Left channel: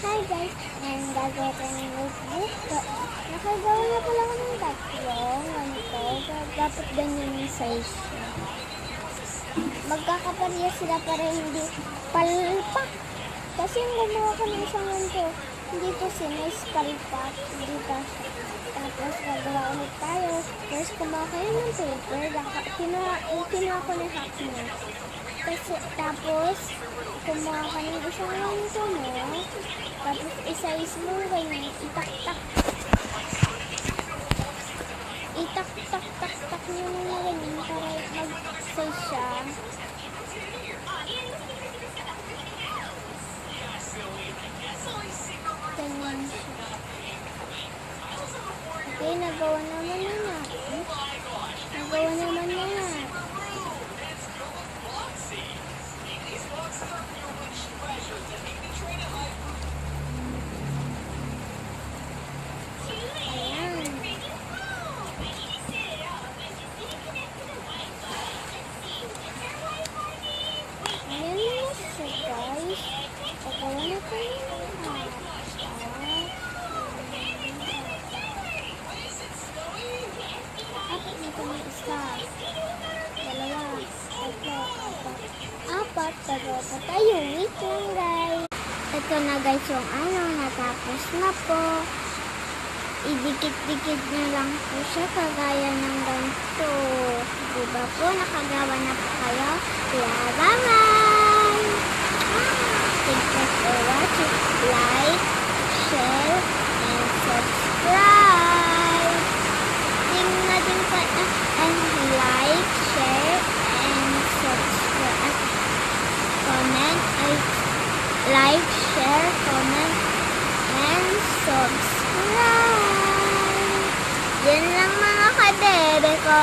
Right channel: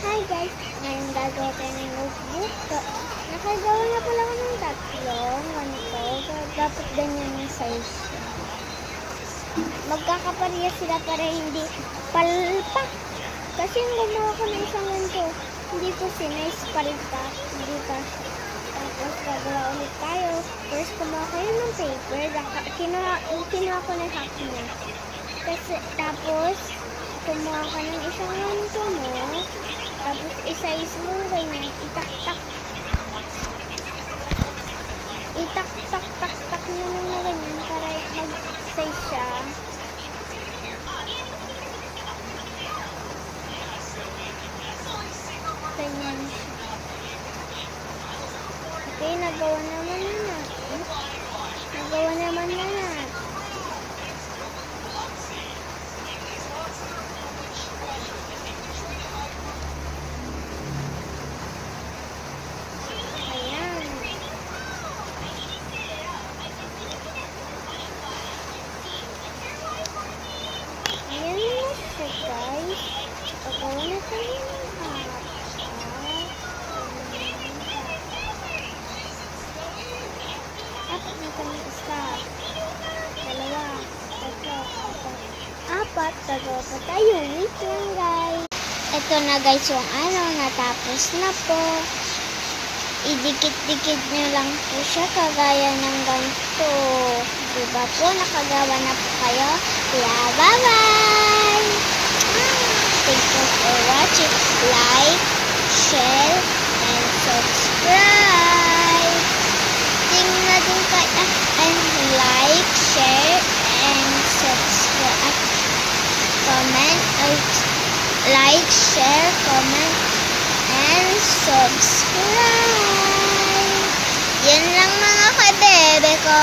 Hi guys, ngayon gagawa tayo ng notebook. Nakagawa na pala ako ng tatlong ganito. Dapat ganyan yung size siya. Magkakaparehas sila para hindi palpak. Kasi yung gumawa ko ng isang ganito, hindi ko sinis palpak. Hindi kasi. Tapos gagawa ulit tayo. First kumuha kayo ng paper. Kinuha ko ng half niya. Tapos kumuha ka ng isang ganito mo. Tapos isa-is mo ganyan. Itak-tak mo na ganyan para mag-size siya. Ganyan siya. Okay, nagawa naman na natin. Ayan na siya guys. Pagawa na tayo ng apat na kami isa. Dalawa. Tatlo. Apat. Gagawa pa tayo. Weekend guys. Ito na guys yung natapos na po. Idikit-dikit nyo lang po siya kagaya ng ganito. Diba po? Nakagawa na po kayo. Yeah, bye-bye! Thank you for watching. Like, share, and subscribe. Tingnan natin kayo. And like, share, and subscribe. Like, share, comment, and subscribe. Yan lang mga kabebe ko.